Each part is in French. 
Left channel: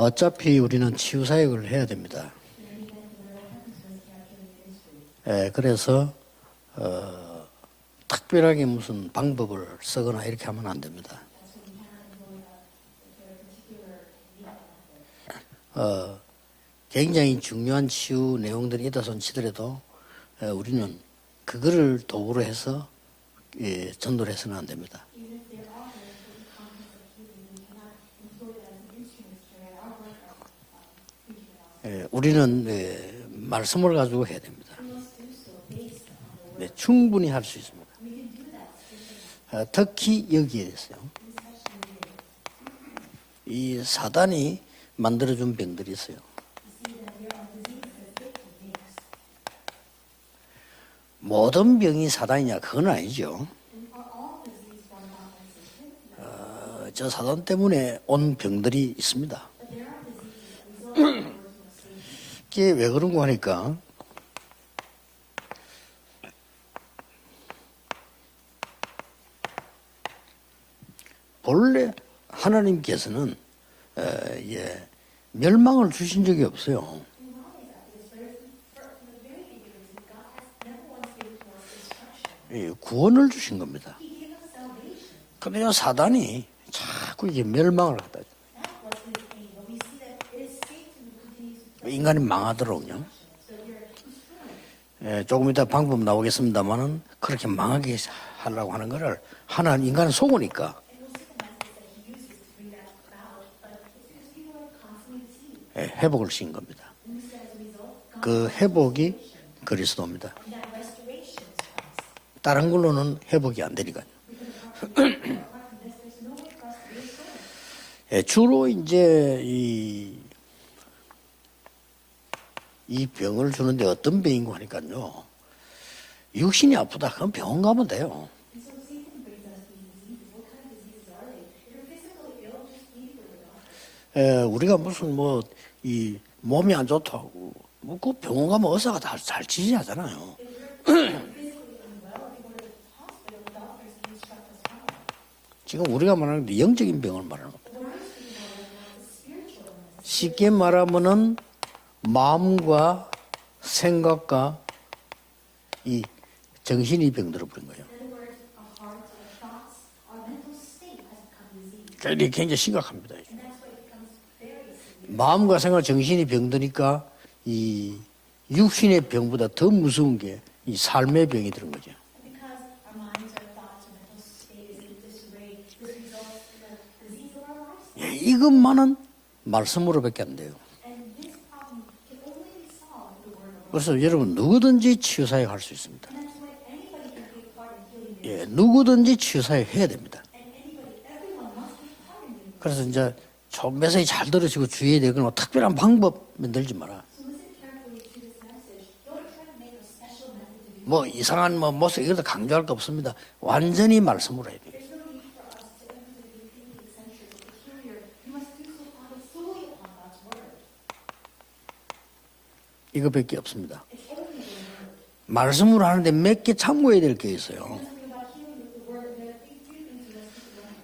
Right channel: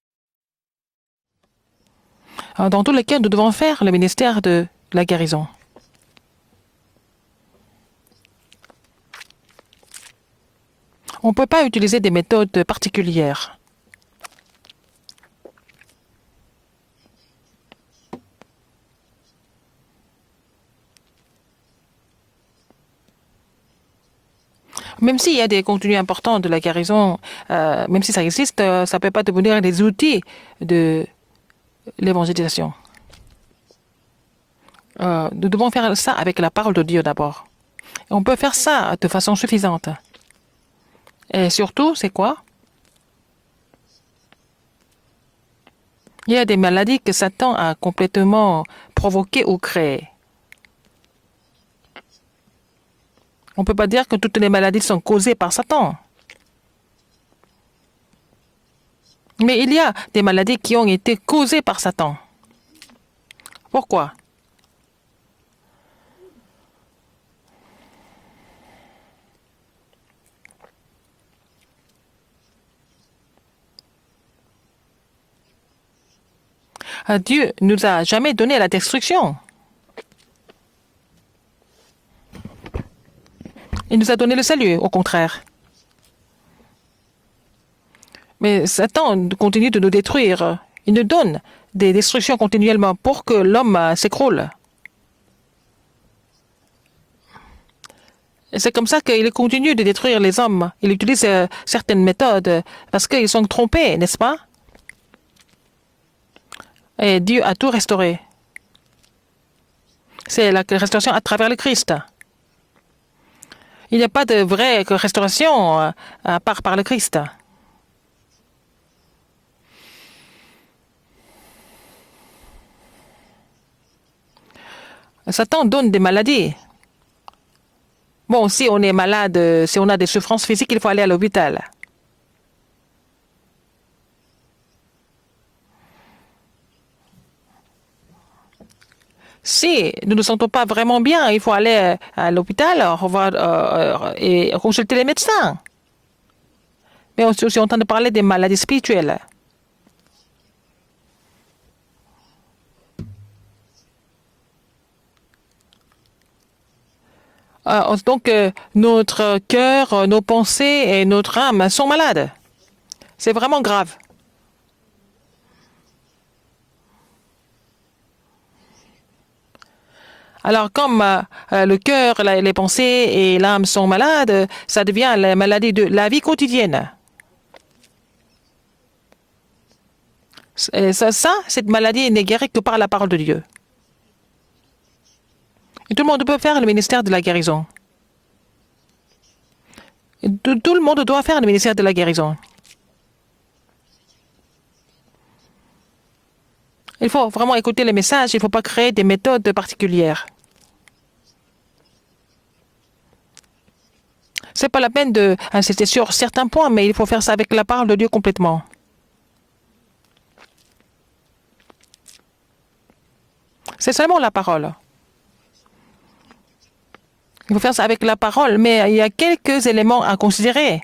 어차피 우리는 치유 사역을 해야 됩니다. Dans tous les cas, nous devons faire le ministère de la guérison. 그래서 특별하게 무슨 방법을 쓰거나 이렇게 하면 안 됩니다. On ne peut pas utiliser des méthodes particulières. 굉장히 중요한 치유 내용들이 있다 손 치더라도 우리는 그거를 도구로 해서 전도를 해서는 안 됩니다. Même s'il y a des contenus importants de la guérison, même si ça existe, ça ne peut pas devenir des outils de l'évangélisation. 우리는 말씀을 가지고 해야 됩니다. Nous devons faire ça avec la parole de Dieu 충분히 d'abord. 할 수 있습니다. On peut faire ça de façon suffisante. 특히 여기에 있어요. Et surtout, c'est quoi? 이 사단이 만들어준 병들이 있어요. Il y a des maladies que Satan a complètement provoquées ou créées. 모든 병이 사단이냐 그건 아니죠. On ne peut pas dire que toutes les maladies sont causées par Satan. 저 사단 때문에 온 병들이 있습니다. Mais il y a des maladies qui ont été causées par Satan. 이게 왜 그런가 하니까 Pourquoi? 본래 하나님께서는 멸망을 주신 적이 없어요. Dieu nous a jamais donné la destruction. 구원을 주신 겁니다. Il nous a donné le salut, au contraire. 그런데 사단이 자꾸 이게 멸망을 하다. Mais Satan continue de nous détruire. Il nous donne des destructions continuellement pour que l'homme s'écroule. 조금 이따 방법 나오겠습니다만은 그렇게 망하게 하려고 C'est comme ça qu'il continue de détruire les hommes. Il utilise certaines méthodes parce qu'ils sont trompés, n'est-ce pas? 회복을 신 겁니다. Et Dieu a tout restauré. 그 회복이 그리스도입니다. C'est la restauration à travers le Christ. 다른 걸로는 회복이 안 Il 되니까. n'y a pas de vraie restauration à part par le Christ. 주로 이제 이 병을 주는데 어떤 병인가 하니까요. Satan donne des maladies. 육신이 아프다 그럼 병원 가면 돼요. Bon, si on est malade, si on a des souffrances physiques, il faut aller à l'hôpital. 우리가 무슨 이 몸이 안 좋다고 그 병원 가면 의사가 잘 Si nous ne nous sentons pas vraiment bien, il faut aller à l'hôpital et consulter les médecins. 지금 우리가 말하는 게 영적인 병. Mais on est aussi en train de parler des maladies spirituelles. 쉽게 말하면은 마음과 생각과 이 정신이 병들어 버립니다. Donc, notre cœur, nos pensées et notre âme sont malades. 굉장히 심각합니다. C'est vraiment grave. 마음과 생각, 정신이 병드니까 이 육신의 병보다 더 무서운 게 Alors, 이 comme 삶의 병이다. le cœur, les pensées et l'âme sont malades, ça devient la maladie de la vie quotidienne. 이것만은 말씀으로밖에 안 돼요. Et cette maladie n'est guérie que par la parole de Dieu. 그래서 여러분 누구든지 치유 사역 할 수 있습니다. Et tout le monde peut faire le ministère de la guérison. 누구든지 치유 사역 해야 됩니다. Et tout le monde doit faire le ministère de la guérison. 그래서 이제 좀 메시지 잘 들으시고 주의해야 되거나 특별한 방법 만들지 마라. Il faut vraiment écouter les messages, il ne faut pas créer des méthodes particulières. 뭐 이상한 모습 이것도 강조할 거 없습니다. 완전히 말씀으로 해요. Ce n'est pas la peine d'insister sur certains points, mais il faut faire ça avec la parole de Dieu complètement. 이것밖에 없습니다. C'est seulement la parole. 말씀으로 하는데 몇 개 참고해야 될 게 Il 있어요. faut faire ça avec la parole, mais il y a quelques éléments à considérer.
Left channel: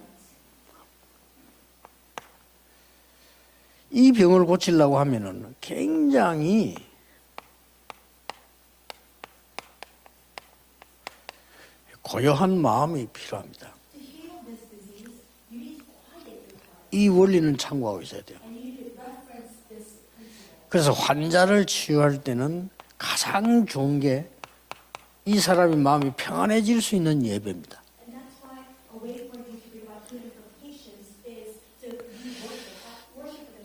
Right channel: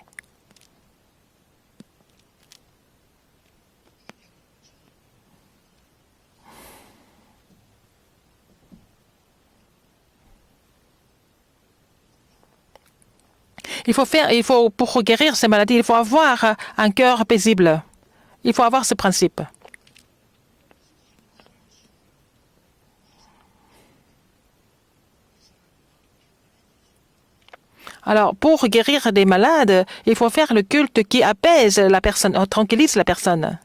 이 병을 고치려고 하면은 굉장히 고요한 마음이 필요합니다. Pour guérir ces maladies, il faut avoir un 이 cœur 원리를 paisible. 참고하고 있어야 돼요. Il faut avoir ce principe. 그래서 환자를 치유할 때는 가장 좋은 게 이 사람의 마음이 평안해질 수 있는 예배입니다. Alors, pour guérir des malades, il faut faire le culte qui apaise la personne, tranquillise la personne.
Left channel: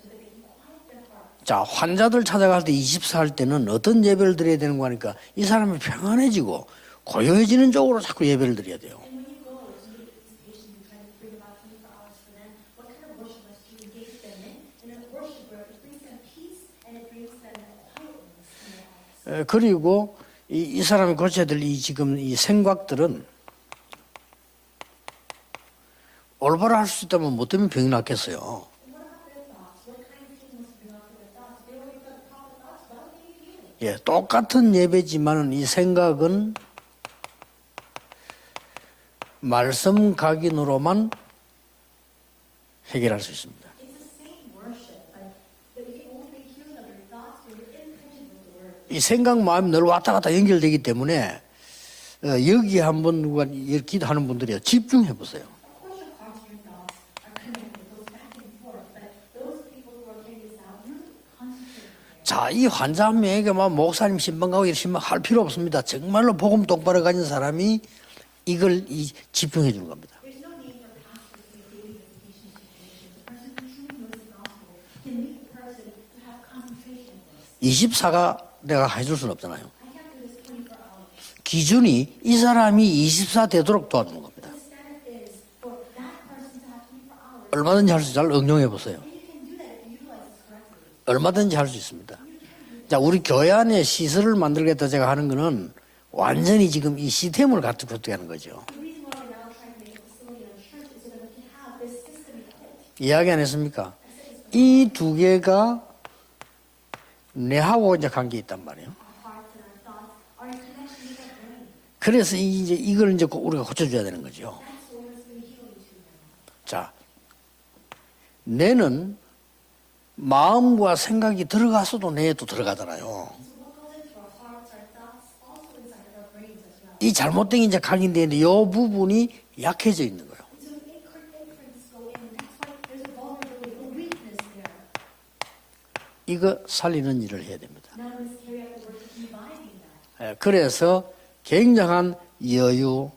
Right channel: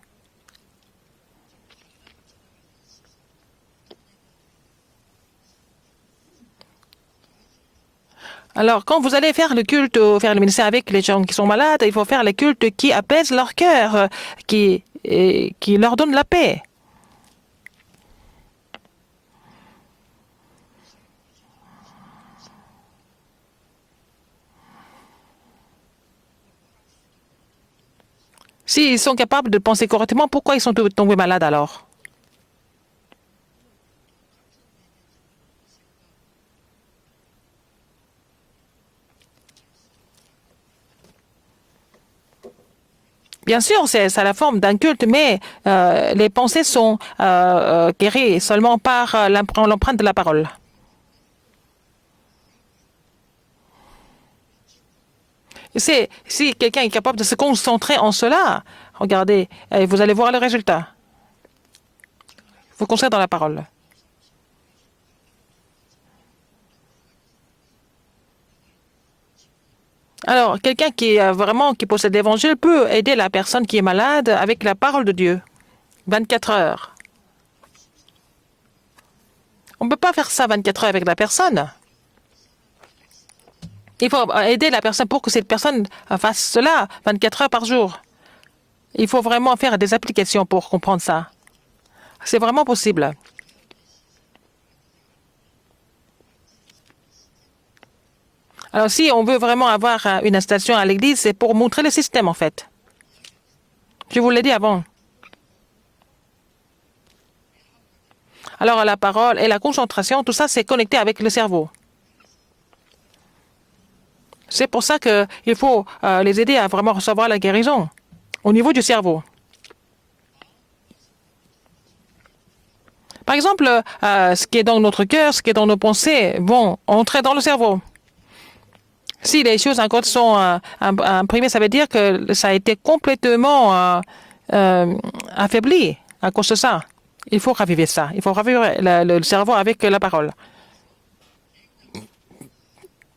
자, 환자들 찾아갈 때 24 할 때는 어떤 예배를 드려야 되는 거 하니까 이 사람이 평안해지고 고요해지는 쪽으로 자꾸 예배를 드려야 Alors, 돼요. quand vous allez faire le culte, faire le ministère avec les gens qui sont malades, il faut faire le culte qui apaise leur cœur, qui leur donne la paix. 그리고 이 사람이 고쳐야 될 지금 이 생각들은 올바로 할 수 있다면 뭐 때문에 병이 낫겠어요. S'ils sont capables de penser correctement, pourquoi ils sont tombés malades alors? 똑같은 예배지만은 이 생각은 말씀 각인으로만 해결할 수 있습니다. Bien sûr, c'est ça la forme d'un culte, mais les pensées sont guéries seulement 이 par 생각만 늘 l'empreinte de la 왔다 갔다 parole. 연결되기 때문에 여기 한번 누가 기도하는 분들이 집중해 보세요. Si quelqu'un est capable de se concentrer en cela, regardez, et vous allez voir le résultat. 자, 이 concerne dans la parole. 환자에게만 목사님 신방가고 신방할 필요 없습니다. 정말로 복음 똑바로 가진 사람이 이걸 집중해 주는 겁니다. Alors, quelqu'un qui possède l'évangile peut aider la personne qui est malade avec la parole de Dieu. 24 heures. 24가 내가 해줄 수는 없잖아요. On ne peut pas faire ça 24 heures avec la personne. 기준이 이 사람이 24 되도록 Il faut aider la personne pour que cette personne fasse cela 24 heures par jour. 얼마든지 할 수 잘 응용해 보세요. Il faut vraiment faire des applications pour comprendre ça. 얼마든지 할 수 있습니다. C'est vraiment 자, possible. 우리 교회 안에 시설을 만들겠다 제가 하는 거는 완전히 지금 이 시스템을 갖추고 하는 거죠. Alors, si on veut vraiment avoir une installation à l'église, c'est pour montrer le système, en fait. 이야기 안 했습니까? Je vous l'ai dit avant. 이 두 개가 뇌하고 이제 관계 있다. Alors, la parole et la concentration, tout ça, c'est connecté avec le cerveau. 그래서 이걸 이제 우리가 고쳐줘야 되는 거죠. C'est pour ça qu'il faut les aider à vraiment recevoir la guérison au niveau du 뇌는 cerveau. 마음과 생각이 들어가서도 뇌에도 들어가잖아요. Par exemple, ce qui est dans notre cœur, ce qui est dans nos pensées, vont 이 entrer dans le 잘못된 cerveau. 이제 각인되는데 이 부분이 Si les choses encore 약해지죠. sont imprimées, ça veut dire que ça a été complètement affaibli à cause de ça. Il faut raviver ça. Il faut raviver le cerveau avec la parole. 그래서 굉장한 여유,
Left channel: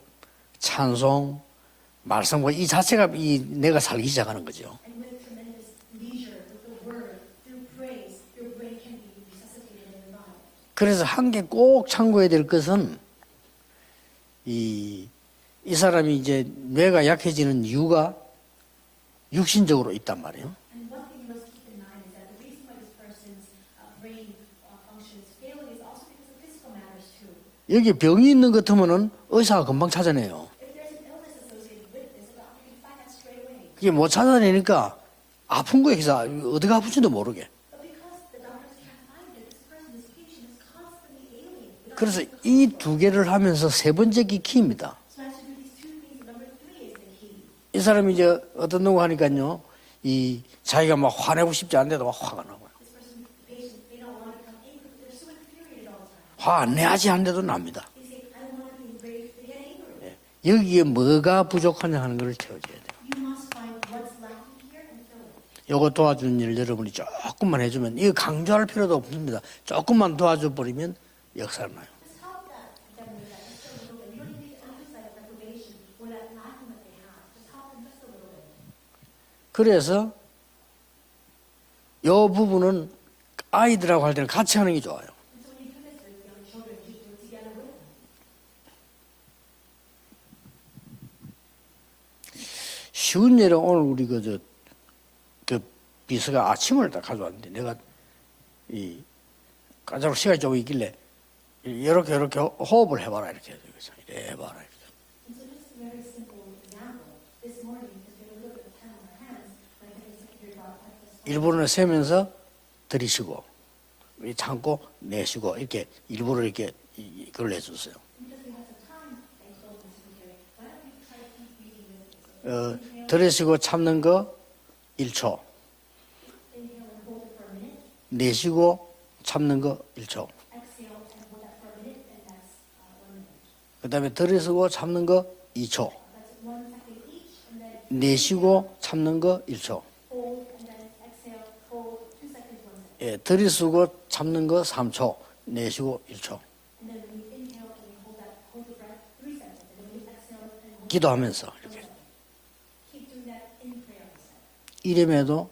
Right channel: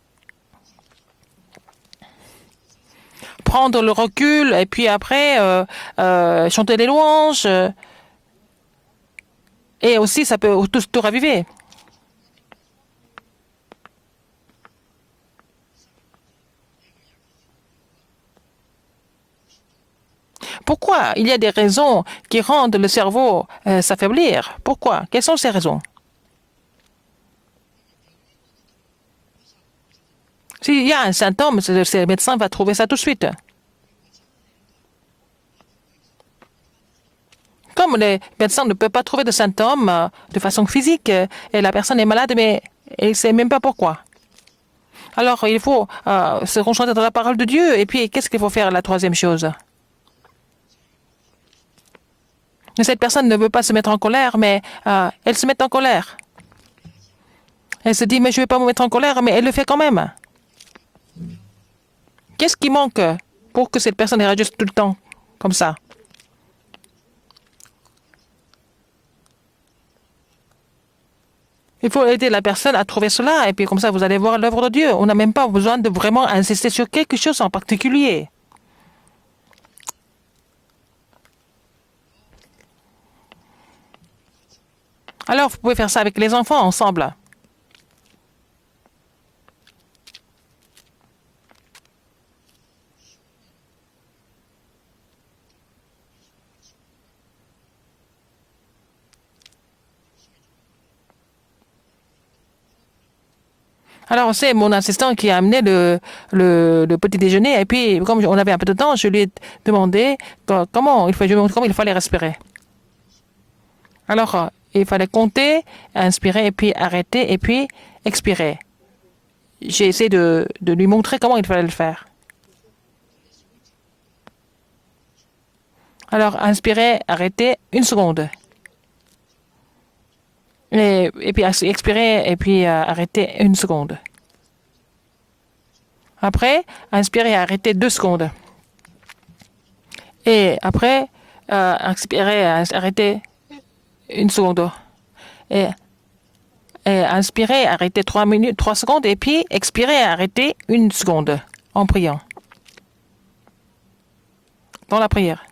찬송, 말씀과 이 자체가 이 Prendre le 뇌가 살기 recul et puis après chanter les louanges. Et aussi, ça peut tout 그래서 raviver. 꼭 참고해야 될 것은 이 사람이 이제 뇌가 약해지는 이유가 육신적으로 있단 말이에요. Pourquoi? Il y a des raisons qui rendent le cerveau s'affaiblir. Pourquoi? Quelles sont ces raisons? 여기 병이 있는 것 같으면은 의사가 금방 찾아내요. S'il y a un symptôme, le médecin va trouver ça tout de suite. 이게 못 찾아내니까 아픈 거에 기사 어디가 아픈지도 모르게. Comme les médecins ne peuvent pas trouver de symptômes de façon physique, et la personne est malade, mais 이 두 elle ne 개를 sait même pas 하면서 세 pourquoi. 번째 게 키입니다. Alors, il faut se concentrer dans la parole de Dieu. 이 Et puis, 사람이 qu'est-ce 이제 qu'il faut faire la 어떤 troisième 놈 chose? 하니까요. 이 자기가 막 화내고 싶지 않은데도 막 화가 나고 Cette personne ne veut pas se mettre en colère, mais elle se met en colère. 화 안 내야지 하는데도 납니다. Elle se dit, mais je ne vais pas me mettre en colère, mais elle le fait quand même. 여기에 뭐가 부족하냐 하는 걸 Qu'est-ce qui manque pour que cette personne réagisse tout le temps comme ça? 요거 도와주는 일을 여러분이 조금만 해주면 이거 강조할 필요도 없습니다. 조금만 도와줘 버리면 역사를 Il faut aider la personne à trouver cela, et puis comme ça, vous allez voir l'œuvre de Dieu. On n'a même pas besoin de vraiment insister sur quelque chose en particulier. 그래서 요 부분은 아이들하고 할 때는 같이 하는 게 좋아요. Alors, vous pouvez faire ça avec les enfants ensemble. 쉬운 예로 오늘 우리 그 비서가 아침을 딱 가져왔는데 내가 이 까자로 시간이 좀 있길래 이렇게 호흡을 해봐라 이렇게. Alors, c'est mon assistant qui a amené le petit déjeuner. Et puis, comme on avait un peu de temps, je lui ai demandé comment il fallait respirer. 들이쉬고 Alors, il fallait compter, inspirer, et puis arrêter, et puis expirer. J'ai essayé de lui montrer comment il fallait le faire. 들이쉬고 참는 거 1초. Alors, inspirer, arrêter, 1 seconde. 내쉬고 참는 거 1초. Et puis expirer, et puis arrêter 1 seconde. 그다음에 들이쉬고 참는 거 2초. Après, inspirer et arrêter 2 secondes. 내쉬고 참는 거 1초. Et après, expirer et arrêter 들이쉬고 une 참는 seconde. 거 3초. 예. 내쉬고 1초. et inspirer, arrêter 3 minutes, 3 secondes, et puis expirer, arrêter 1 seconde en priant. Dans la prière.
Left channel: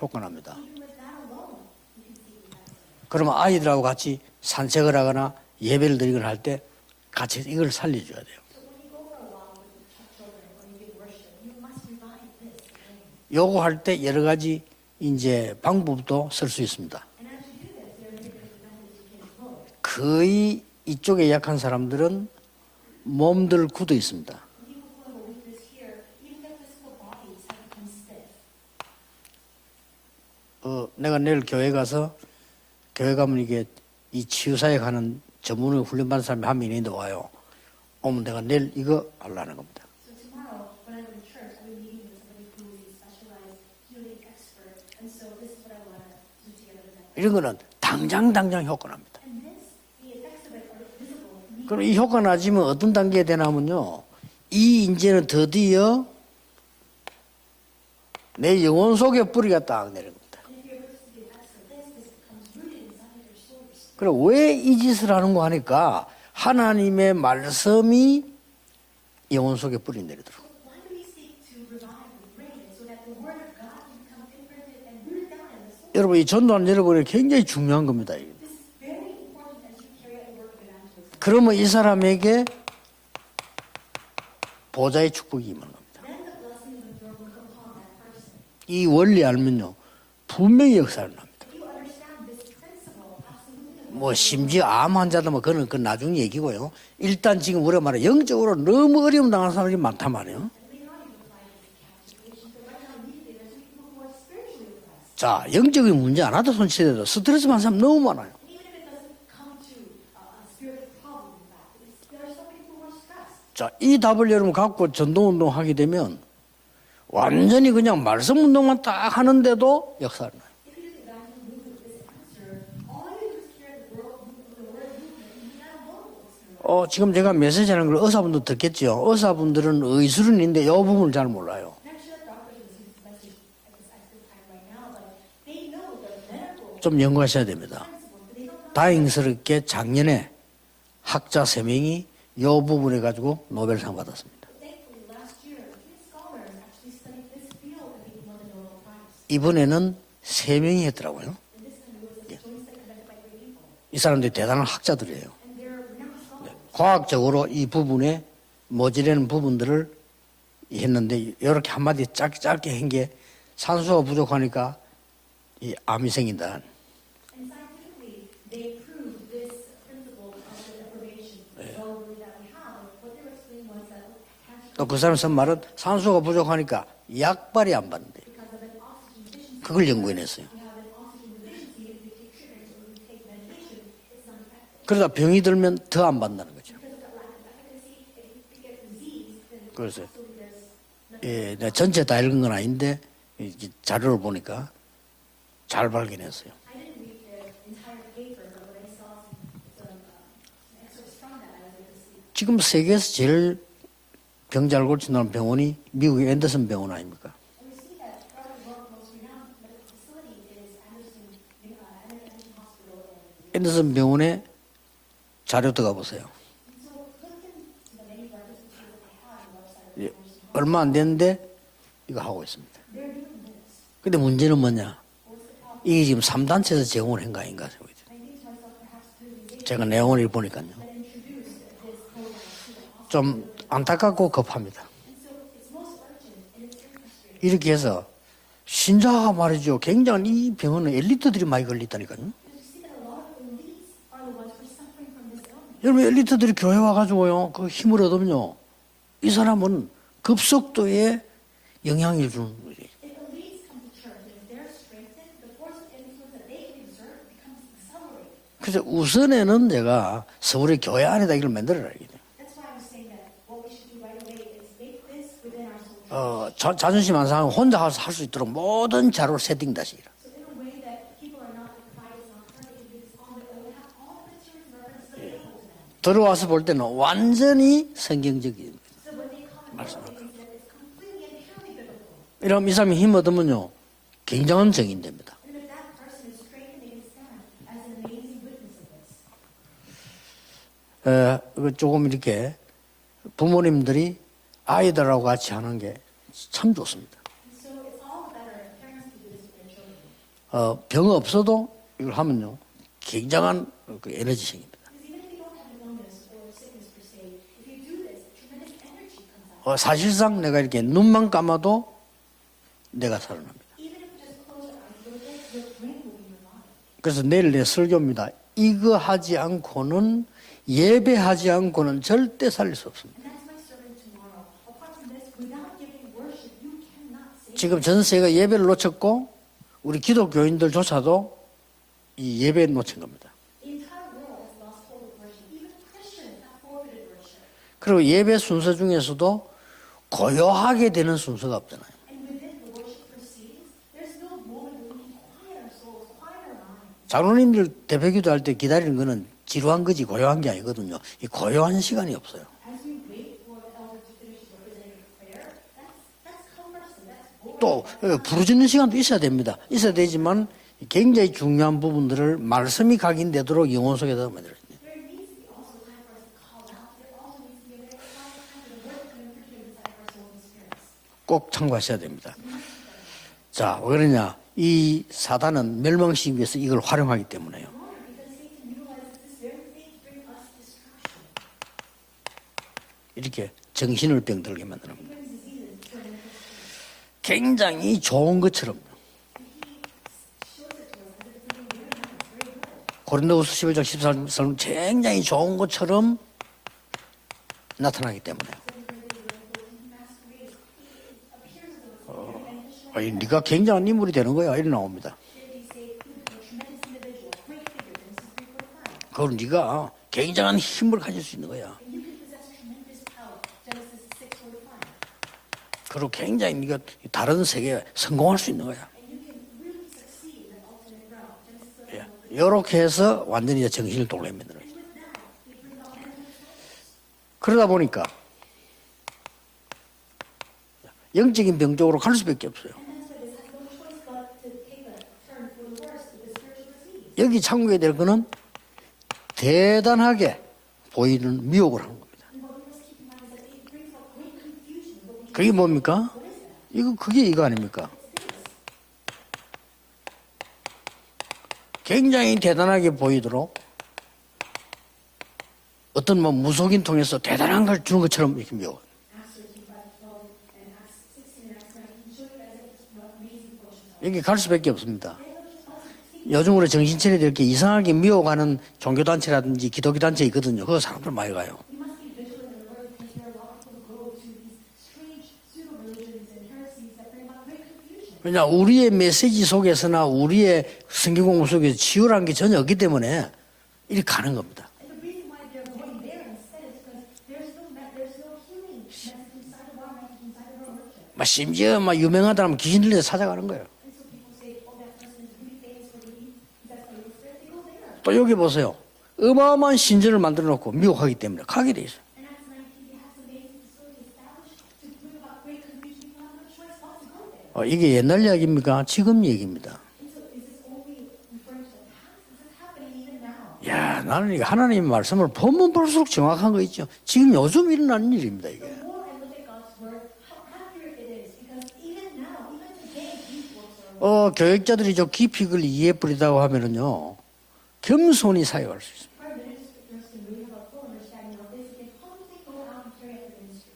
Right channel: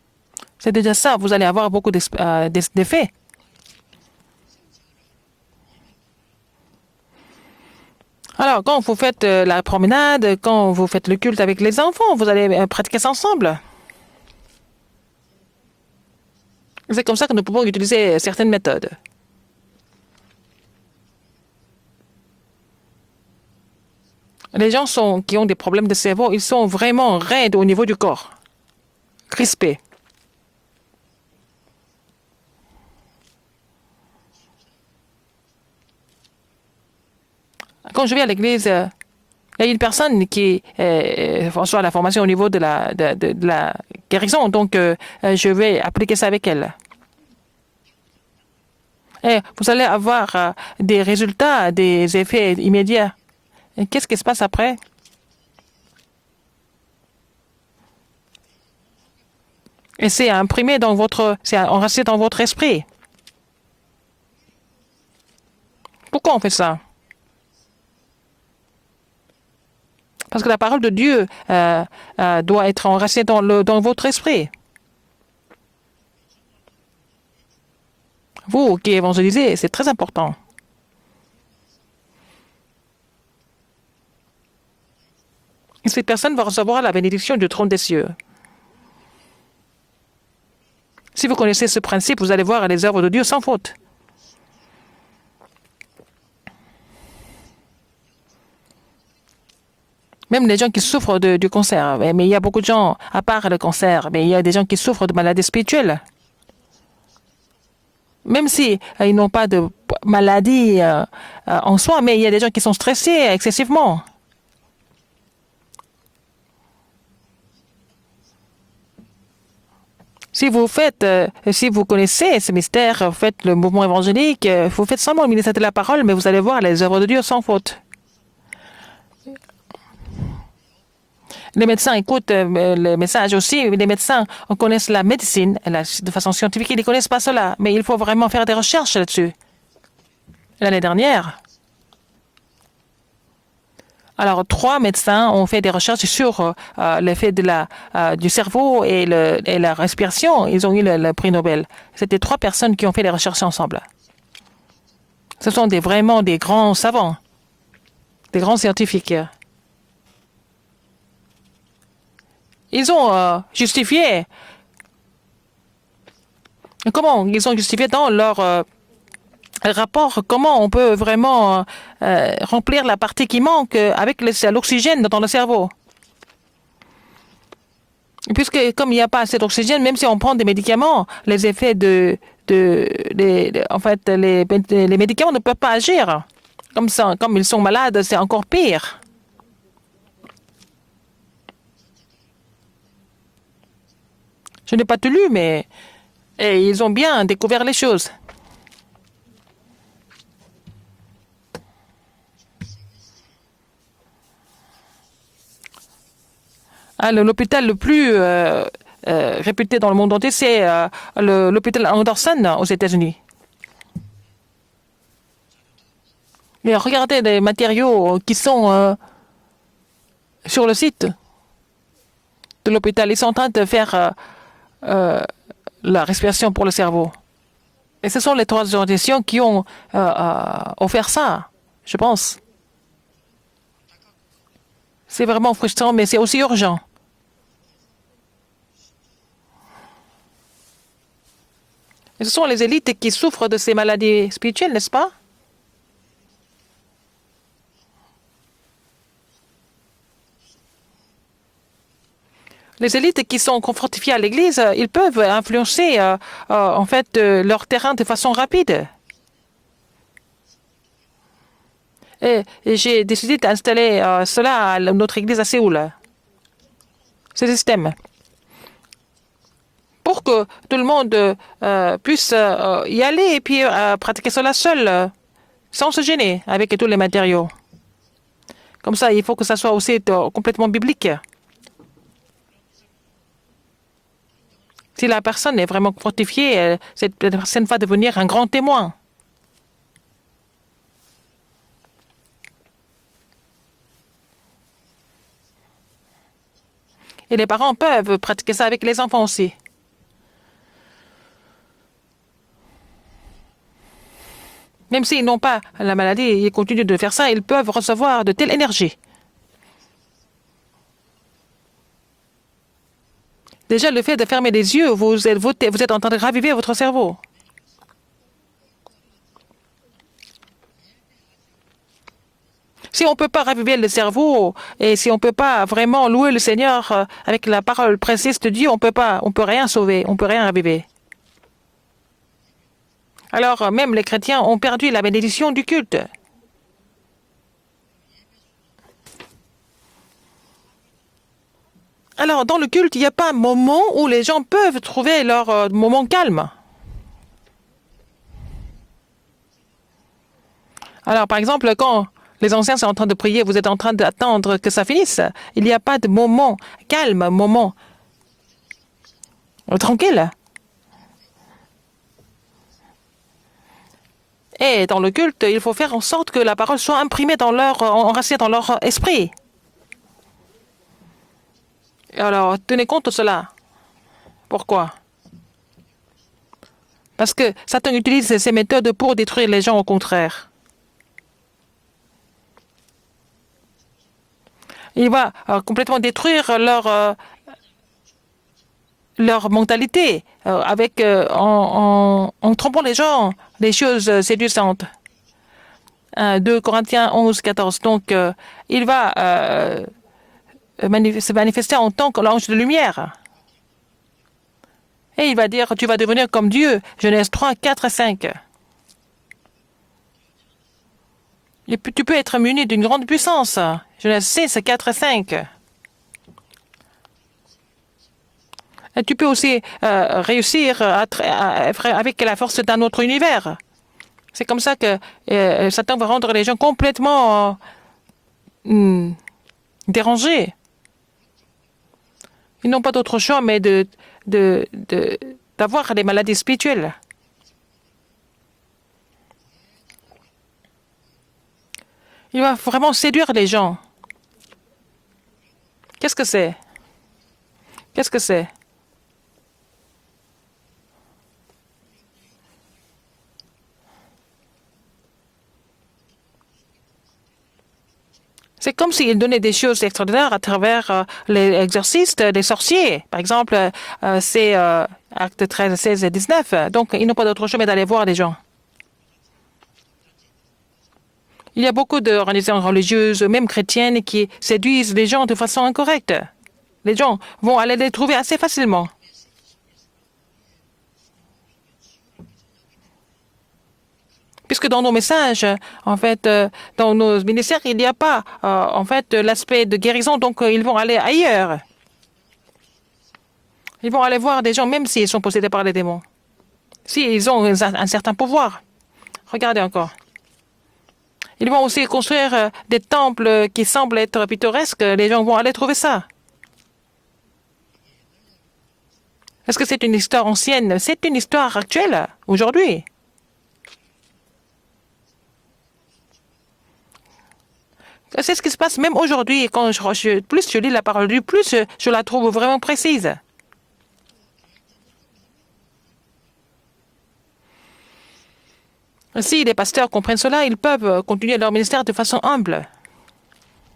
효과 납니다. C'est déjà ça, vous allez avoir beaucoup d'effets. 그러면 아이들하고 같이 산책을 하거나 예배를 드리거나 할 때 같이 이걸 살려줘야 돼요. Alors, quand vous faites la promenade, quand vous faites le culte avec les enfants, vous allez pratiquer ça ensemble. 요거 할 때 여러 가지 이제 방법도 쓸 수 있습니다. C'est comme ça que nous pouvons utiliser certaines méthodes. 거의 이쪽에 약한 사람들은 몸들 굳어 있습니다. Les gens qui ont des problèmes de cerveau, ils sont vraiment raides au niveau du corps, crispés. 내가 내일 교회 가서 교회 가면 이게 이 치유사역 하는 전문을 훈련받은 사람이 한 명 있는데 와요. Quand je vais à l'église, 이거 하려는 il y a une personne qui reçoit la formation au niveau de la guérison, donc je vais appliquer ça avec elle. 이런 거는 당장 효과납니다. Et vous allez avoir des résultats, 이 des 효과 effets 나시면 어떤 immédiats. 단계에 되냐면요. Et qu'est-ce qui se passe après? 이 이제는 드디어 내 영혼 속에 뿌리가 딱. Et c'est imprimé dans votre, c'est enraciné dans votre esprit. 그래 왜이 짓을 하는 거 하니까 Pourquoi on fait ça? 하나님의 말씀이 영혼 속에 뿌린다. Parce que la parole de Dieu doit être enracinée dans votre esprit. 여러분 이 전도하는 여러분이 굉장히 중요한 겁니다. 이게. Vous qui évangélisez, c'est très important. 그러면 이 사람에게 보좌의 축복이 임하는 거예요. Et cette personne va recevoir la bénédiction du trône des cieux. 이 원리 알면요 분명히 역사를. Si vous connaissez ce principe, vous allez voir les œuvres de Dieu sans faute. 뭐 심지어 암 환자도 뭐 그건 나중 얘기고요. 일단 지금 우리가 말해 영적으로 너무 어려움 당하는 사람이 많단 말이에요. Même les gens qui souffrent du cancer. Mais il y a beaucoup de gens, à part le cancer, mais il y a des gens qui souffrent de maladies 영적인 spirituelles. 문제 안 하도 손치더라도 스트레스 받는 사람 너무 많아요. Même si ils n'ont pas de maladie en soi, mais il y a des gens qui sont stressés excessivement. 이 답을 여러분 갖고 전도운동 하게 되면 완전히 그냥 말씀 운동만 딱 하는데도 역사. Si vous connaissez ce mystère, vous faites le mouvement évangélique, vous faites seulement le ministère de la parole, mais vous allez voir les œuvres de Dieu sans faute. 메시지하는 걸 의사분도 듣겠죠. 의사분들은 의술은인데 이 부분을 잘 몰라요. Les médecins écoutent le message aussi. Les médecins connaissent la médecine de façon scientifique. Ils ne connaissent pas cela. Mais il faut vraiment faire des recherches là-dessus. 다행스럽게 작년에 L'année dernière, 학자 3명이 이 부분에 가지고 노벨상 받았어요. alors 3 médecins ont fait des recherches sur l'effet du cerveau et la respiration. Ils ont eu le prix Nobel. C'était 3 personnes qui ont fait des recherches ensemble. 이 사람들이 대단한 학자들이에요. Ce sont vraiment des grands savants, 과학적으로 이 부분에 des grands scientifiques. 모자란 부분들을 했는데 이렇게 한마디 짧게 Ils ont justifié. 부족하니까 이 암이 생긴다. Comment ils ont justifié dans leur rapport comment on peut vraiment remplir la partie qui manque avec l'oxygène dans le cerveau. 산소가 부족하니까 약발이 안 받는데. Puisque comme il n'y a pas assez d'oxygène, même si on prend des médicaments, les effets en fait, les médicaments ne peuvent pas agir. Comme ça, comme ils sont malades, c'est encore pire. 그래서 내가 전체 다 읽은 건 아닌데 자료를 보니까 Je n'ai pas tout lu, mais 잘 발견했어. ils ont bien découvert les choses. 지금 세계에서 제일 병자를 고친다는 병원이 미국의 앤더슨 병원 아니에요. L'hôpital le plus réputé dans le monde entier, c'est l'hôpital Anderson aux États-Unis. 앤더슨 병원에 자료 들어가 보세요. Mais regardez les matériaux qui sont sur le 얼마 안 site 되는데 이거 하고 있습니다. de l'hôpital. Ils sont en train de faire 근데 문제는 뭐냐? la respiration pour le cerveau. 제공을 한가 아닌가. Et ce sont les 3 organisations qui ont offert ça, je pense. 좀 안타깝고 급합니다. C'est vraiment frustrant, mais c'est aussi urgent. 이렇게 해서 신자가 말이죠. 굉장히 이 병원은 엘리트들이 많이 걸렸다니까요. Et ce sont les élites qui souffrent de ces maladies spirituelles, n'est-ce pas? 여러분 엘리트들이 교회 와가지고요. 그 힘을 얻으면요. 이 사람은 급속도의 영향을 주는 거예요. Les élites qui sont fortifiées à l'Église, ils peuvent influencer en fait leur terrain de façon rapide. 우선에는 내가 서울의 교회 안에다 이걸 만들어라. Et j'ai décidé d'installer cela à notre Église à Séoul. 자존심 안 상하고 혼자 가서 할 수 있도록 모든 자료를 세팅다시. Pour que tout le monde puisse y aller et puis pratiquer cela seul, sans se gêner avec tous les matériaux. 완전히 성경적이에요. Comme ça, il faut que ça soit aussi complètement biblique. 이러면 이 사람이 힘 얻으면요. 굉장한 정인. Si la personne est vraiment fortifiée, cette personne va devenir un grand témoin. 조금 이렇게 부모님들이 아이들하고 같이 하는 게 참 좋습니다. Et les parents peuvent pratiquer ça avec les enfants aussi. 병 없어도 이걸 하면요. 굉장한 그 에너지입니다. Même s'ils n'ont pas la maladie, ils continuent de faire ça, ils peuvent recevoir de telle énergie. 사실상 내가 이렇게 눈만 감아도 내가 살아납니다. Déjà, le fait de fermer les yeux, vous êtes en train de raviver votre cerveau. 그래서 내일 내 설교입니다. 이거 하지 않고는 예배하지 않고는 절대 살릴 수 없어요. Si on ne peut pas raviver le cerveau et si on ne peut pas vraiment louer le Seigneur avec la parole précise de Dieu, on peut rien sauver, on ne peut rien raviver. 기독교인들조차도 이 예배 놓친 겁니다. Alors, même les chrétiens ont perdu la bénédiction du culte. 그리고 예배 순서 중에서도 고요하게 되는 순서가 없잖아요. Alors, dans le culte, il n'y a pas un moment où les gens peuvent trouver leur moment calme. 장로님들 대표기도 할 때 기다리는 거는 지루한 거지 고요한 게 아니거든요. Alors, par exemple, 고요한 quand 시간이 없어요. les anciens sont en train de prier, vous êtes en train d'attendre que ça finisse. Il n'y a pas de moment calme, moment. 또 부르짖는 시간도 있어야 됩니다. 있어야 tranquille. 되지만 굉장히 중요한 부분들을 말씀이 각인되도록 영혼 속에 넣으면 돼요. Et dans le culte, il faut faire en sorte que la parole soit imprimée dans leur, enracinée dans leur esprit. 꼭 참고하셔야 됩니다. Alors, tenez compte de cela. 자, 왜 그러냐? Pourquoi? 이 사단은 멸망시키기 위해서 이걸 활용하기 Parce que 때문에. Satan utilise ces méthodes pour détruire les gens au contraire. 이렇게 정신을 병들게 만듭니다. Il va complètement détruire 굉장히 좋은 것처럼 leur mentalité en trompant les gens, les choses séduisantes. 굉장히 좋은 것처럼 2 Corinthiens 11, 14. Donc, il va se manifester en tant que l'ange de lumière. 네가 굉장한 인물이 되는 거야. 이렇게 나옵니다. Et il va dire, tu vas devenir comme Dieu. Genèse 3, 4 et 5. 그걸 네가 굉장한 힘을 가질 수 있는 거야. Et puis, tu peux être muni d'une grande puissance. Genèse 6, 4 et 5. 그리고 굉장히 네가 다른 세계에 성공할 수 있는 거야. Et tu peux aussi réussir avec la force d'un 이렇게 autre 해서 univers. 완전히 정신을 돌립니다. C'est comme ça que Satan va rendre les gens complètement 그러다 보니까 dérangés. 영적인 병 쪽으로 갈 수밖에 없어. Ils n'ont pas d'autre choix mais d'avoir des maladies spirituelles. 여기 참고해야 될 거는 대단하게 보이는 미혹을 하는 거야. Il va vraiment séduire les gens. 그게 뭡니까? Qu'est-ce que c'est? 그게 이거 아닙니까? Qu'est-ce que c'est? 굉장히 대단하게 보이도록 어떤 뭐 무속인 통해서 대단한 걸 주는 것처럼 이렇게 C'est comme s'il donnait des choses extraordinaires à travers les exorcistes des sorciers. Par exemple, c'est actes 13, 16 et 19. Donc, ils n'ont pas d'autre choix mais d'aller voir les gens. 미혹하는 종교단체라든지 기독교단체 있거든요. 그 사람들 많이 가요. Il y a beaucoup d'organisations religieuses, même chrétiennes, qui séduisent les gens de façon incorrecte. Les gens vont aller les trouver assez facilement. 우리의 메시지 속에서나 우리의 성경 공부 속에서 치유라는 게 전혀 없기 때문에 이렇게 가는 겁니다. Puisque dans nos messages, en fait, dans nos ministères, il n'y a pas, en fait, l'aspect de guérison, donc ils vont aller ailleurs. 심지어 막 유명하다면 귀신 들려 찾아가는 거예요. Ils vont aller voir des gens, même s'ils sont possédés par les démons. S'ils ont un certain 여기 pouvoir. 보세요. Regardez 어마어마한 encore. 신전을 만들어 놓고 미혹하기 때문에. Ils vont aussi construire des temples qui semblent être pittoresques. Les gens vont aller trouver ça. 이게 옛날 이야기입니까? 지금 얘기입니까? Est-ce que c'est une histoire ancienne? C'est une histoire actuelle, aujourd'hui. 야, 나는 이거 하나님 말씀을 보면 볼수록 정확한 거 있죠. 지금 요즘 일어나는 일. C'est ce qui se passe même aujourd'hui. Plus je lis la parole de Dieu, plus je la trouve vraiment précise. 교육자들이 저 깊이 그걸 이해해 버리다고 하면은요. 겸손히 사역할 수 있어요. Si les pasteurs comprennent cela, ils peuvent continuer leur ministère de façon humble.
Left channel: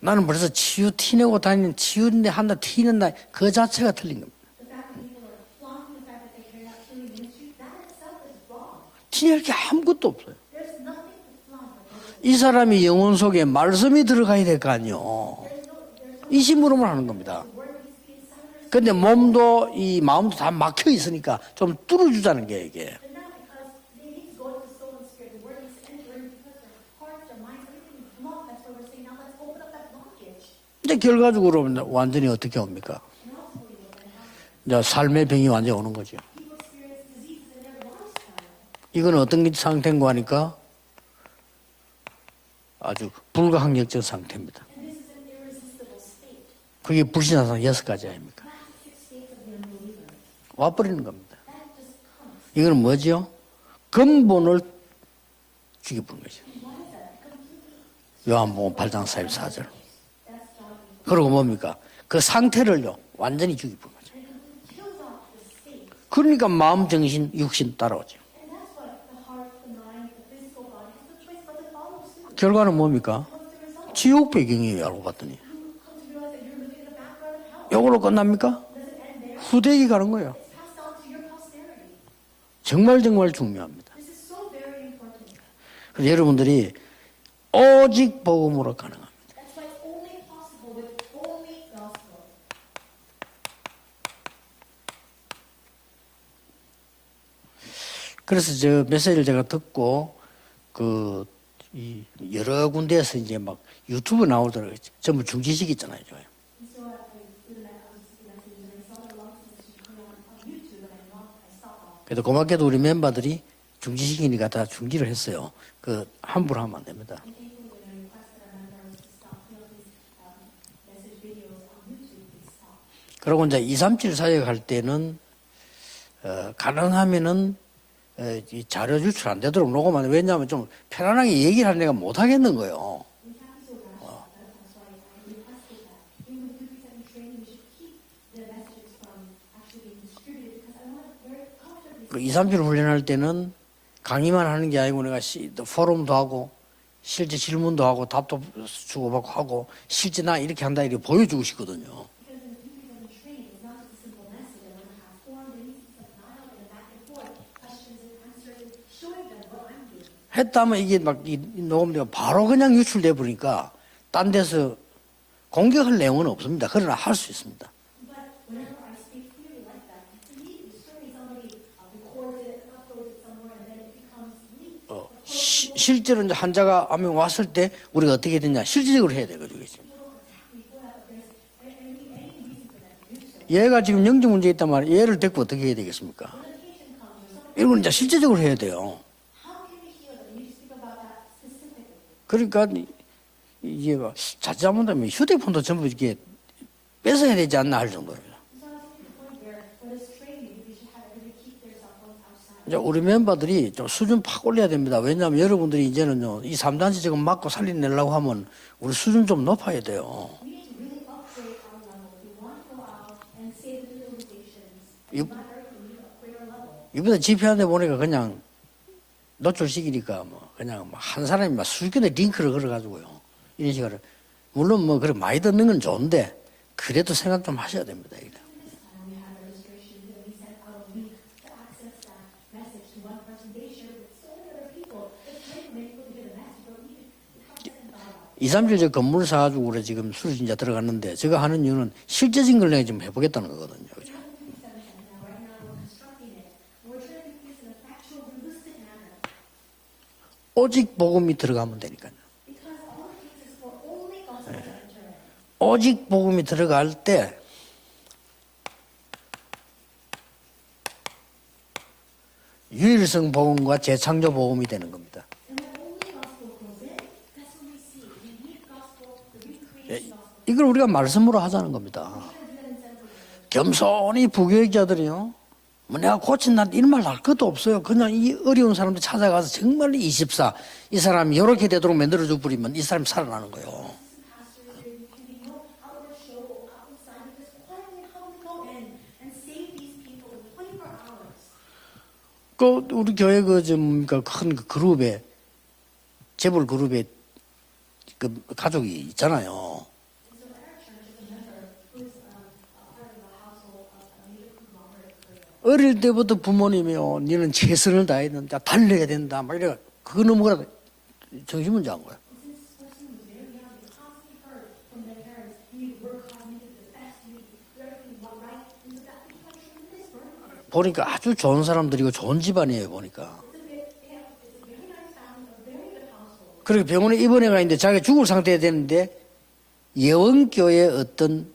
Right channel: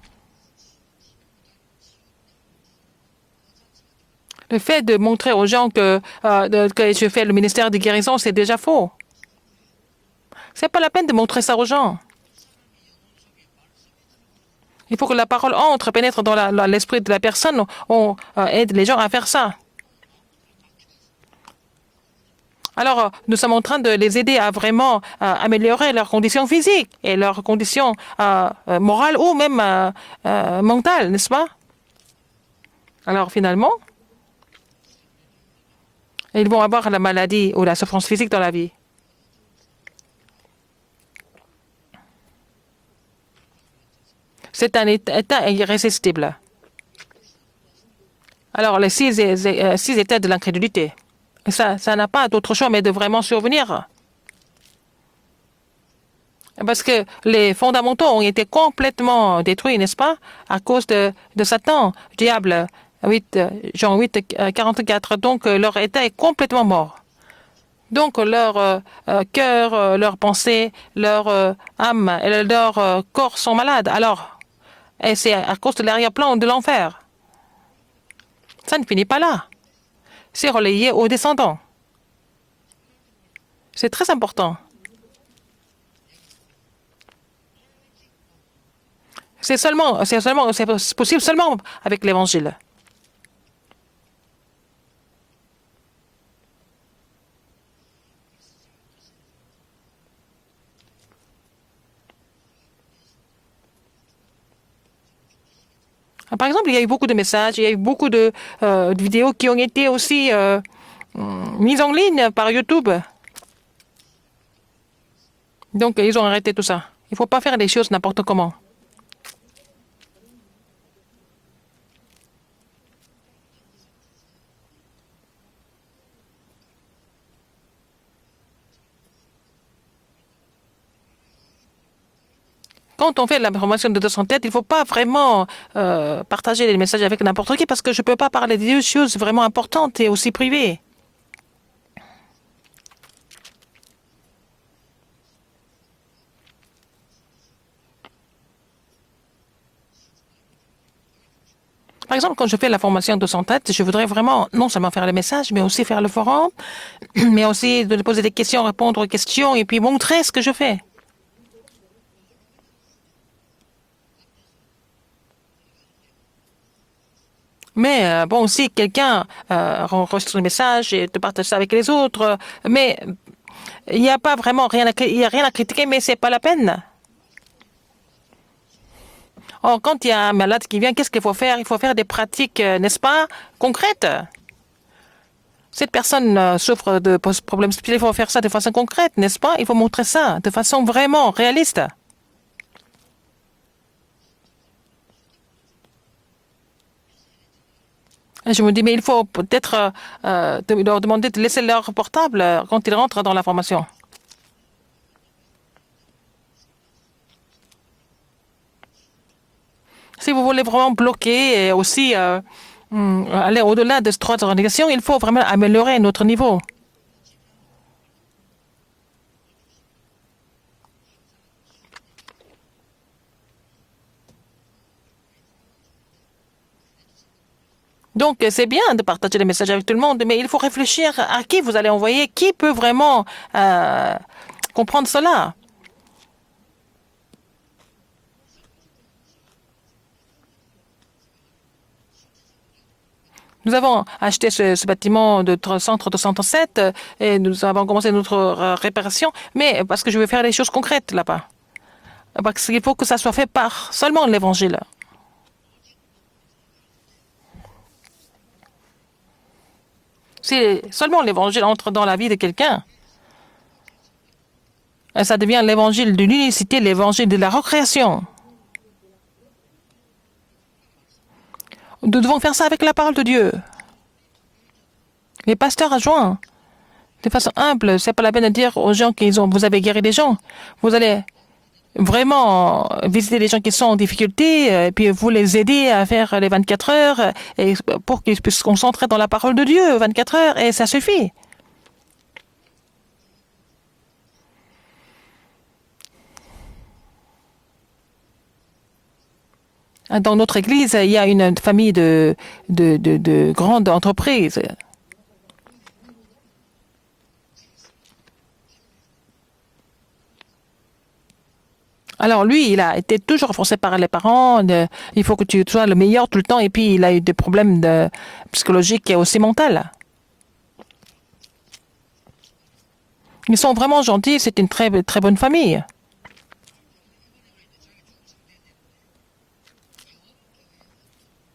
나는 벌써 치유 티내고 다니는 치유인데 한다 티낸다 그 자체가 틀린 겁니다. Le fait de montrer aux gens que je fais le ministère de guérison, c'est déjà faux. 티낼 게 아무것도 없어요. C'est pas la peine de montrer ça aux gens. 이 사람이 영혼 속에 말씀이 들어가야 될 거 아니에요. Il faut que la parole entre, pénètre dans l'esprit de la personne. On aide les 근데 gens à faire ça. 몸도 이 마음도 다 막혀 있으니까 좀 뚫어주자는 게. Alors, nous sommes en train de les aider à vraiment améliorer leurs conditions physiques et leurs conditions morales ou même mentales, n'est-ce pas? 결과적으로 완전히 어떻게 옵니까? Alors, finalement, 이제 삶의 병이 완전히 오는 거죠. ils vont avoir la maladie ou la souffrance physique dans la vie. 이건 어떤 상태인가 하니까 아주 불가항력적 상태입니다. C'est un état irrésistible. 그게 불신앙상 6가지 아닙니까? Alors, les 6 états de l'incrédulité, 와버리는 겁니다. ça n'a pas d'autre choix mais de vraiment survenir. 근본을 죽여버린 거죠. Parce que les fondamentaux ont été complètement détruits, n'est-ce pas, à cause de Satan, diable. 8, Jean 8, 44. Donc, leur état est 그러니까 complètement 마음, mort. 정신, 육신 따라. Donc, leur cœur, leur pensée, leur âme et leur corps sont malades. Alors, 지옥 배경이에요. et c'est à cause de l'arrière-plan de l'enfer. 이걸로 끝납니까? Ça ne finit pas là. 후대기 가는 거예요. C'est relayé aux descendants. 정말 중요합니다. C'est très important. 그래서 여러분들이 오직 복음으로 가능합니다. C'est possible seulement avec l'évangile. 그래서 저 메시지를 제가 듣고 이 여러 군데에서 이제 막 유튜브 나오더라고요. 전부 중지식 있잖아요. Par exemple, il y a eu beaucoup de messages, il y a eu beaucoup de vidéos qui ont été aussi mises en ligne par 고맙게도 우리 YouTube. 멤버들이 중지시키니까 다 중지를 했어요. Donc, 그 ils ont arrêté 함부로 tout ça. 하면 안 됩니다. Il ne faut pas faire les choses n'importe comment. 그리고 이제 237 사역 할 때는 가능하면은 이 자료 유출 안 되도록 녹음하는 왜냐하면 좀 편안하게 얘기를 하는 애가 못 하겠는 거예요. Quand on fait la formation de 200 têtes, il ne faut pas vraiment partager les messages avec n'importe qui parce que je ne peux pas parler des choses vraiment importantes et aussi privées. 그 237 훈련할 때는 강의만 하는 게 아니고 내가 포럼도 하고 실제 질문도 하고 답도 주고받고 하고 실제 나 이렇게 한다 이렇게 보여주고 싶거든요. Par exemple, quand je fais la formation de 200 têtes, je voudrais vraiment non seulement faire les messages, mais aussi faire le forum, mais aussi de poser des questions, répondre aux questions et puis montrer ce que je 했다면 fais. 이게 막 녹음되고 바로 그냥 유출돼 버리니까 딴 데서 공격할 내용은 없습니다. 그러나 할 수 있습니다. Mais bon, si quelqu'un enregistre le message et te partage ça avec les autres, mais il n'y a pas vraiment rien à, il y a rien à critiquer, mais c'est pas la peine. 환자가 암이 왔을 때 우리가 어떻게 되냐 실질적으로 해야 되거든요. Or, quand il y a un malade qui vient, qu'est-ce qu'il faut faire? Il faut faire des pratiques, n'est-ce pas, 얘가 지금 concrètes. 영적 문제 있단 말이에요. 얘를 데리고 어떻게 해야 Cette 되겠어요? personne souffre de problèmes spirituels, il faut faire ça de façon concrète, n'est-ce pas? Il faut montrer ça de façon vraiment réaliste. 그러니까 이게 막 자칫하면 휴대폰도 전부 이렇게 뺏어야 되지 않나 할 정도로. Et je me dis, mais il faut peut-être leur demander de laisser leur portable quand ils rentrent dans la formation. 수준 팍 올려야 됩니다. 왜냐하면 여러분들이 이제는요, 이 3단지 지금 맞고 살려내려고 하면 우리 수준 좀 높아야 돼요. Si vous voulez vraiment bloquer et aussi aller au-delà de ces trois organisations, il faut vraiment améliorer notre niveau. 이번에 집회하는데 보니까 그냥 노출시키니까 뭐 그냥 한 사람이 막 수십 개의 링크를 걸어가지고요. 이런 식으로 물론 뭐 그래 많이 듣는 건 좋은데 그래도 생각 좀 하셔야 됩니다. Donc, c'est bien de partager les messages avec tout le monde, mais il faut réfléchir à qui vous allez envoyer, qui peut vraiment comprendre cela. 237저 건물 사가지고 그래 지금 수신자 들어갔는데 제가 하는 이유는 실제적인 걸 내가 좀 해보겠다는 거거든요. Nous avons acheté ce bâtiment de centre 207 et nous avons commencé notre réparation, mais parce que je veux faire les choses 오직 concrètes 복음이 là-bas. 들어가면 되니까. Parce qu'il faut que ça soit fait par seulement l'évangile. 오직 복음이 들어갈 때 Si seulement l'évangile entre dans la vie de quelqu'un, 유일성 복음과 재창조 복음이 되는 겁니다. ça devient l'évangile de l'unicité, l'évangile de la recréation. 이걸 우리가 말씀으로 하자는 겁니다. Nous devons faire ça avec la parole de Dieu. 겸손히 부교육자들이요. Les pasteurs 나 adjoints, 고친 난 이런 말 할 de 것도 façon 없어요. humble, c'est pas la peine de dire aux gens qu'ils ont, vous avez guéri les gens. Vous allez vraiment visiter les gens qui sont en difficulté, et puis vous les aider à faire les 24 heures, et pour qu'ils puissent se concentrer dans la parole de Dieu 24 heures, et ça suffit. 그 우리 교회 큰 그룹에 재벌 그룹에 그 가족이 있잖아요. Dans notre église, il y a une famille de grandes entreprises. 어릴 때부터 부모님이요, 너는 최선을 다해야 된다, 달려야 된다, 막 이래. 그거 넘어가라. 정신문제 한 거야. Alors lui, il a été toujours renforcé par les parents. Il faut que tu sois le meilleur tout le temps. Et puis il a eu des problèmes psychologiques et aussi mentaux. 보니까 아주 좋은 사람들이고 좋은 집안이에요, 보니까. Ils sont vraiment gentils. C'est une très très bonne famille. 그리고 병원에 입원해가 있는데 자기가 죽을 상태에 되는데 예원교의 어떤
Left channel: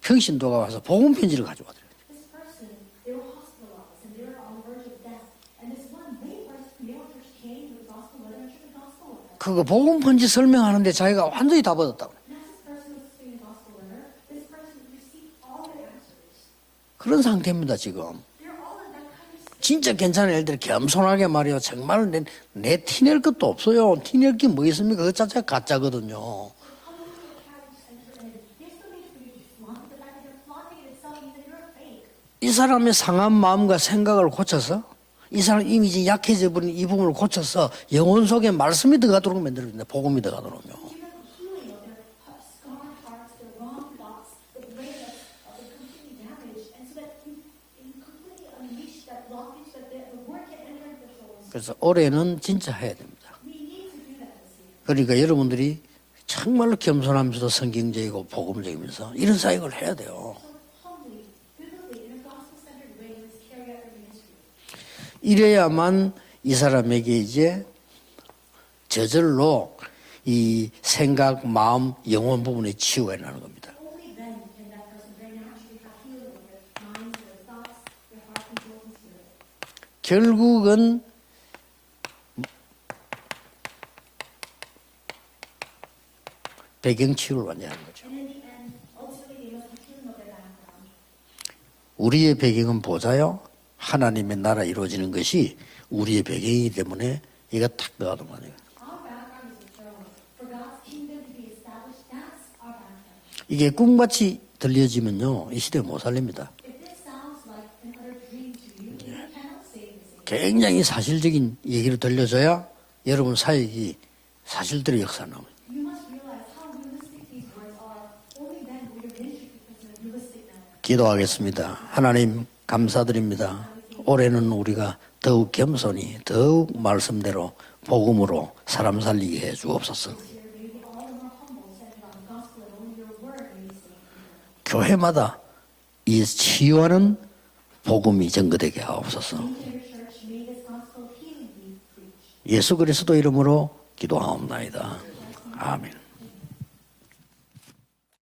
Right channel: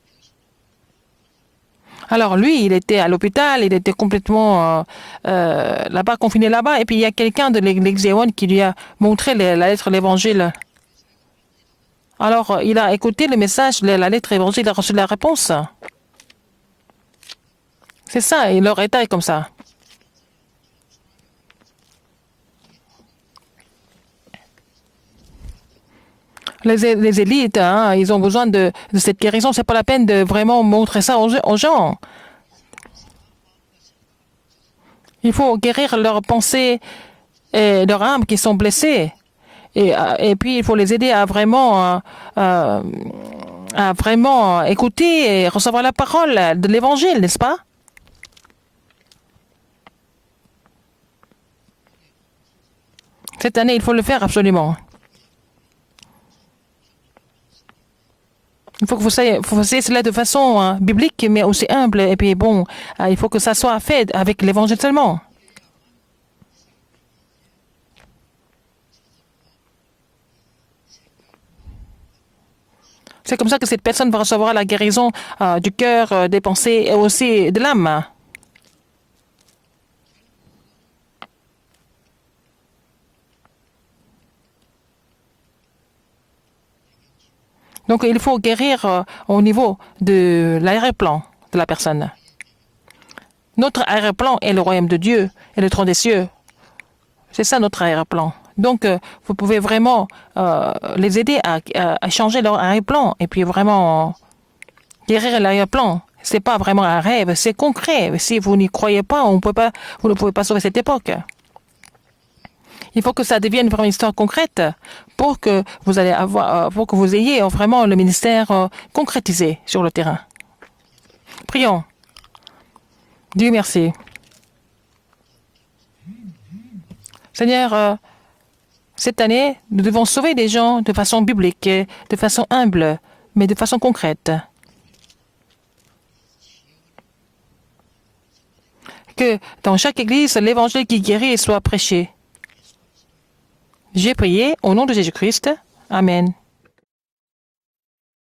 평신도가 와서 복음 편지를 가져왔어요. Alors lui, il était à l'hôpital, il était complètement là-bas, confiné là-bas, et puis il y a quelqu'un de l'église Yewon qui lui a montré la lettre, 복음 편지 l'évangile. 설명하는데 자기가 완전히 다 받았다고. Alors il a écouté le message, la lettre évangile, il a reçu la réponse. 그런 상태입니다 지금. C'est ça, et leur état est comme ça. 진짜 괜찮은 애들 겸손하게 말이요. 정말 내 티낼 것도 없어요. 티낼 게 뭐 있습니까? 그 자체가 가짜거든요. Les élites, hein, ils ont besoin de cette guérison, c'est pas la peine de vraiment montrer ça aux gens. 이 사람의 상한 마음과 생각을 고쳐서 Il faut guérir leurs pensées et leurs âmes qui sont blessées. Et puis, il faut les aider à vraiment écouter et recevoir la parole de l'évangile, n'est-ce pas? 그래서 올해는 진짜 해야 됩니다. Cette année, il faut le faire absolument. 그러니까 여러분들이 정말로 겸손하면서도 성경적이고 복음적이고. Il faut que vous fassiez cela de façon biblique, mais aussi humble. Et puis, bon, il faut que ça soit fait avec l'évangile seulement. 이래야만 이 사람에게 이제 저절로 이 생각, 마음, 영혼 부분의 치유에는 C'est comme ça que cette personne va recevoir la guérison du cœur, des pensées et aussi de l'âme. 결국은 배경 치유를 완전히. Donc il faut guérir au niveau de l'arrière-plan de la personne. 우리의 배경은 보자요. Notre arrière-plan est le royaume de Dieu et le trône des cieux. 배경이기 때문에 C'est ça notre arrière-plan. Donc vous pouvez vraiment les aider à changer leur arrière-plan et puis vraiment 꿈같이 들려지면 guérir l'arrière-plan. Ce n'est pas vraiment un rêve, c'est concret. Si vous n'y croyez pas, vous ne pouvez pas sauver cette époque. 사실적인 얘기를 들려줘야 Il faut que ça devienne vraiment une histoire concrète pour que vous allez avoir, pour que vous ayez vraiment le ministère concrétisé sur le terrain. 기도하겠습니다. Prions. 하나님 감사드립니다. Dieu merci. 올해는 우리가 더욱 겸손히 더욱 말씀대로 Seigneur, 복음으로 사람 Cette 살리게 année, 해주옵소서. nous devons sauver des gens de façon biblique, de façon humble, mais de façon concrète. 교회마다 이 치유하는 복음이 전거되게 하옵소서. Que dans chaque église, l'évangile qui guérit soit prêché. 예수 그리스도 이름으로 J'ai prié 기도하옵나이다. au nom de Jésus-Christ. Amen. Amen.